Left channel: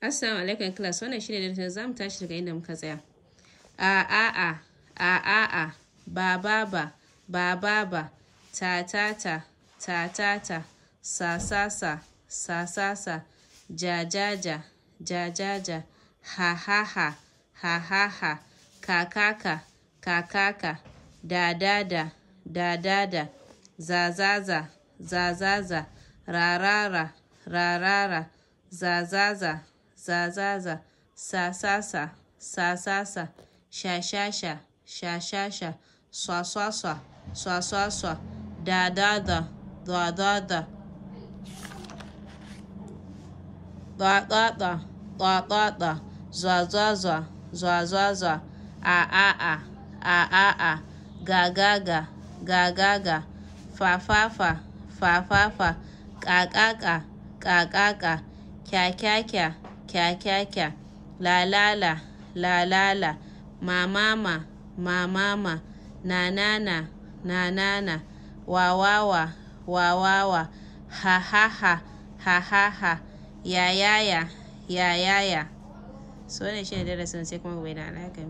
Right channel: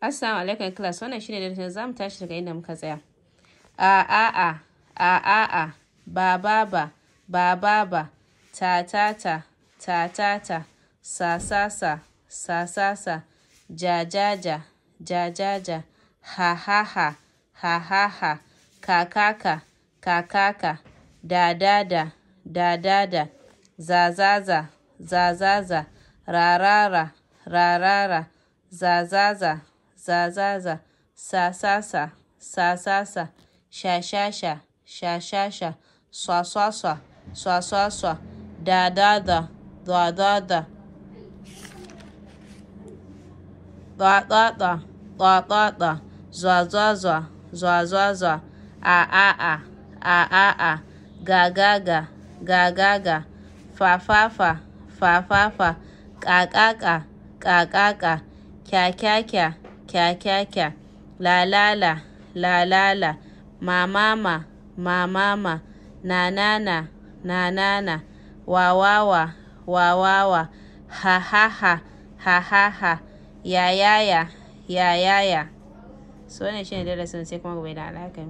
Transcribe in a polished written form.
Assalamu alaikum class, wannan shine darasin zamu tashi daga inda muka tsaya. A ba ba ta sa ja ha kaka da za rarara za sa sha swa da zwa a ga fa kaka kya la mama na wa ha ya so ne shine darasin sai kuma gobe da alhaka.